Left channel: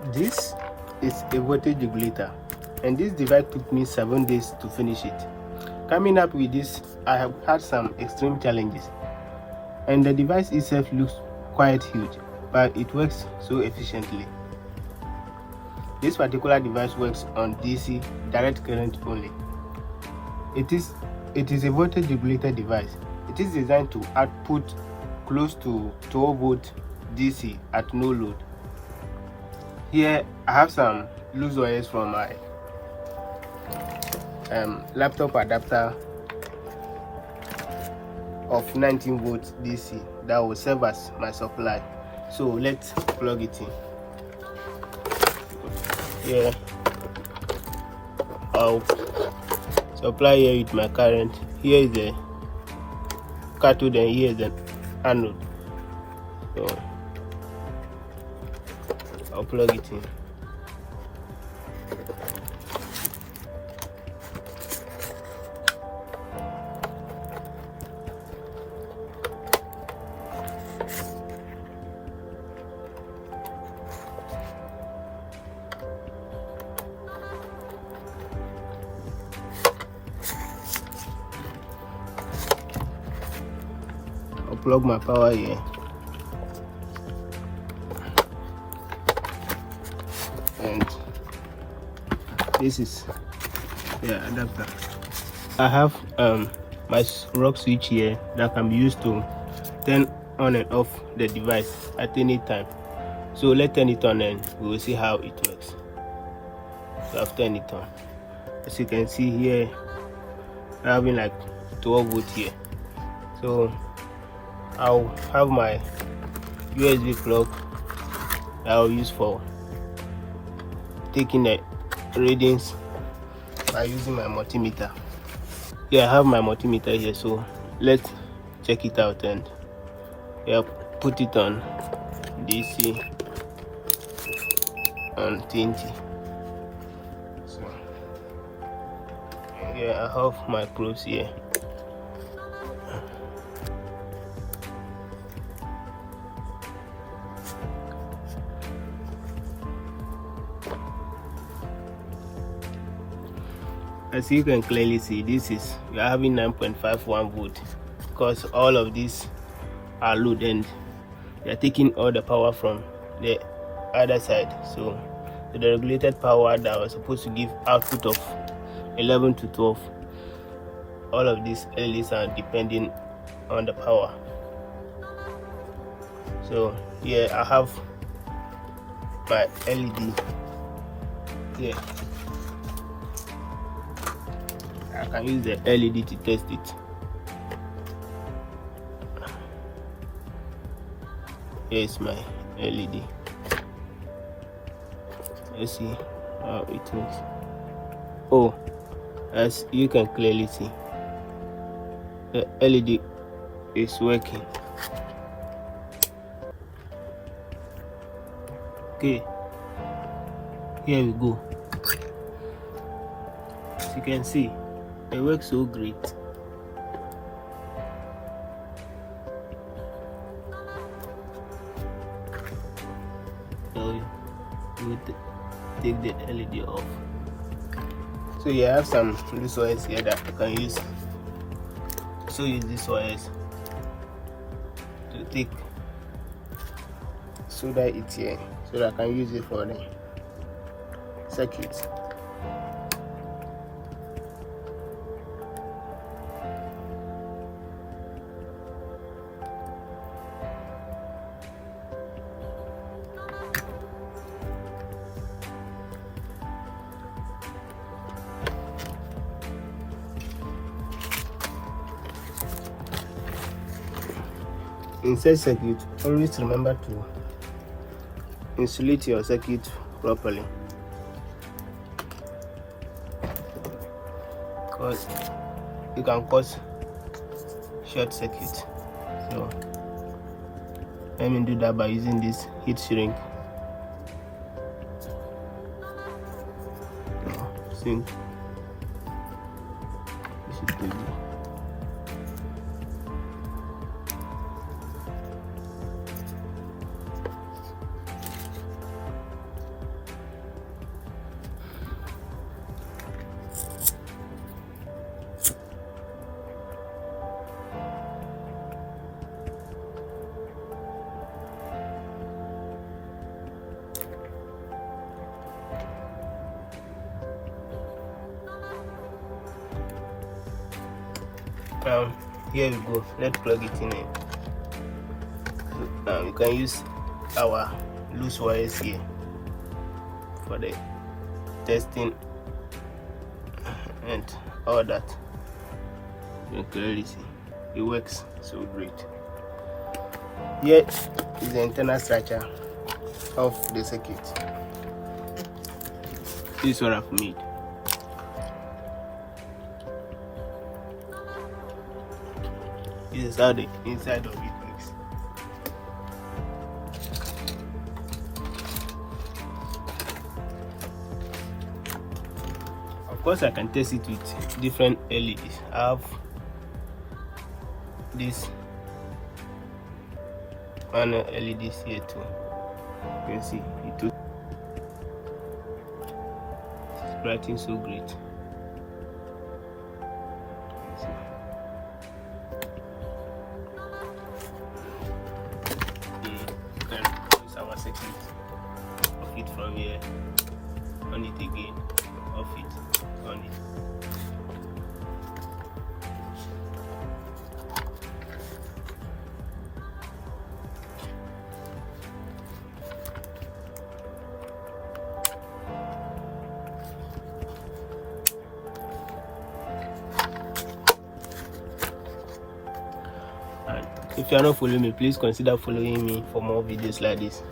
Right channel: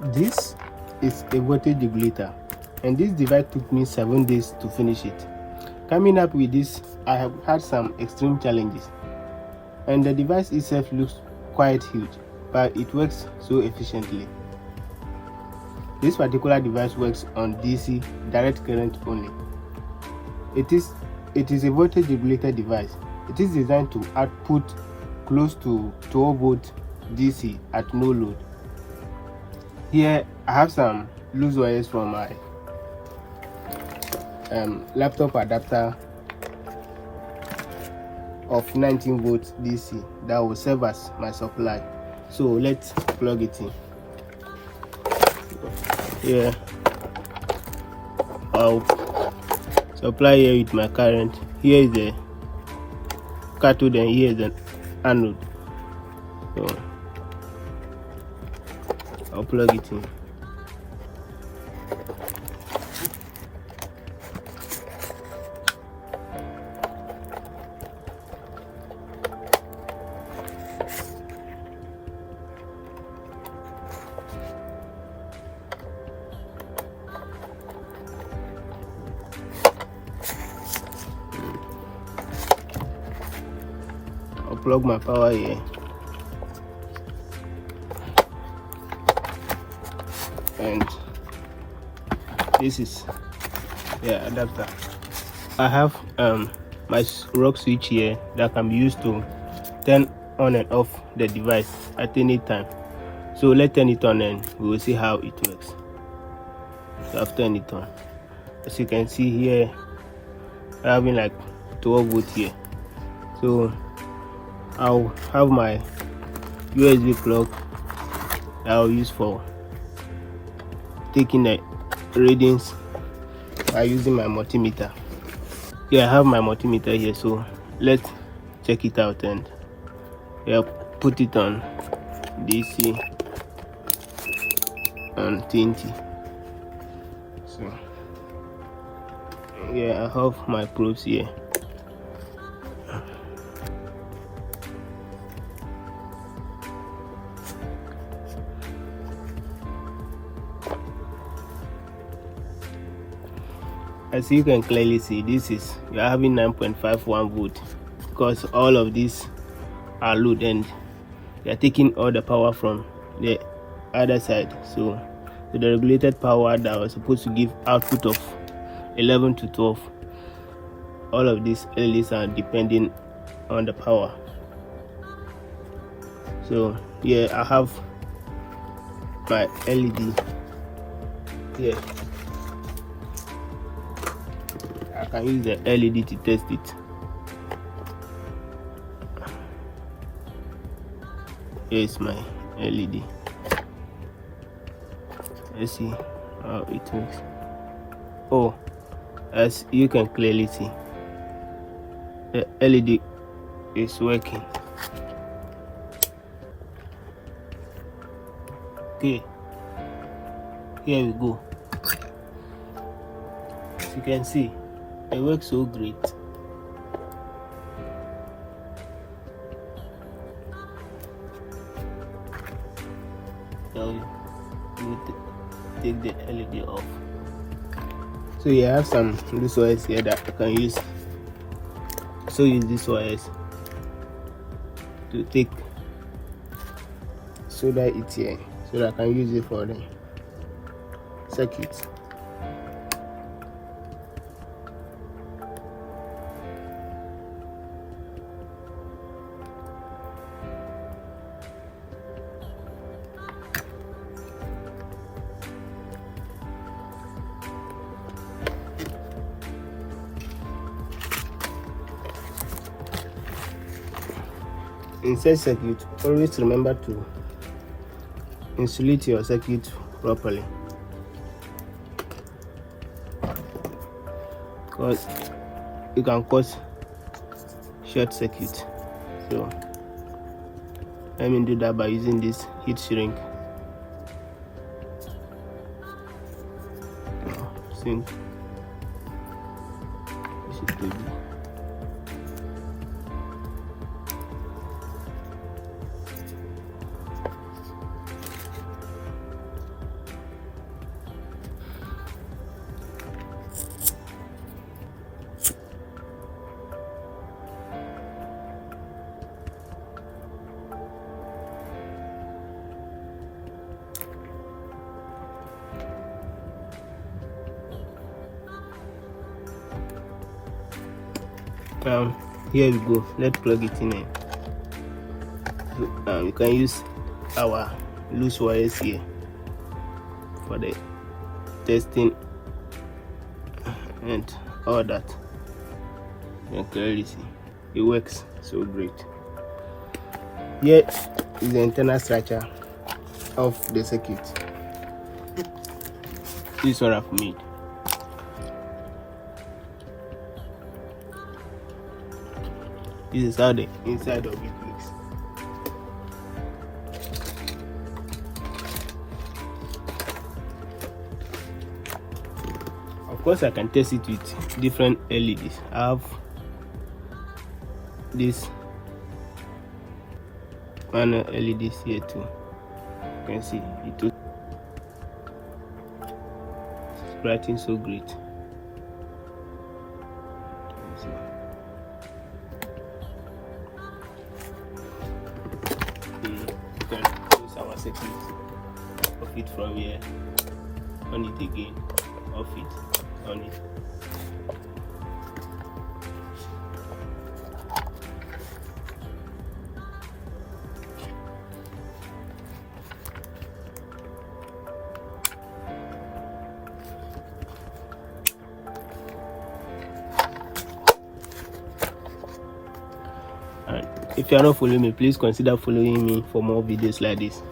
This is a voltage regulator, and this device took me 7 days to finish it. Coming up with this, I have had some extreme challenges, and the device itself looks quite huge, but it works so efficiently. This particular device works on DC direct current only. It is a voltage regulator device. It is designed to output close to 12 volt DC at no load. Here I have some loose wires from my laptop adapter of 19 volts DC that will serve as my supply. So let's plug it in. Here I'll supply here with my current. Here is the cathode and here is the anode. I'll plug it in. I'll plug my power here. And this is the adapter. I have my rock switch here that can be used to turn on and off the device at any time. So let's turn it on and we will see how it works. So I've turned it on. As you can see here, I'm having like 12 volts here. So I'll have my USB plug that I'll use for taking the readings by using my multimeter. Yeah, I have my multimeter here, so let's check it out and put it on DC and 20. So yeah, I have my probes here. As you can clearly see, we are having 9.51 volt because all of these are load and they are taking all the power from the other side. So the regulated power that was supposed to give output of 11 to 12, all of these LEDs are depending on the power. So here I have my LED here. I can use the LED to test it. Here is my LED. Let's see how it works. Oh, as you can clearly see, the LED is working. Okay, here we go. As you can see, it works so great. So you take the LED off. So you have some loose wires here that you can use. So use these wires to take solder it here, so that I can use it for the circuit. Inside circuit, always remember to insulate your circuit properly, because it can cause short circuit. So let me do that by using this heat shrink. See, this is good. Here we go. Let's plug it in here. You can use our loose wires here for the testing and all that. You can clearly see it works so great. Here is the internal structure of the circuit. This is what I've made. This is how the inside of it looks. Of course, I can test it with different LEDs. I have this one LEDs here too. You can see it is brightening so great. Off it from here, on it again, off it, on it. And if you are not following me, please consider following me for more videos like this.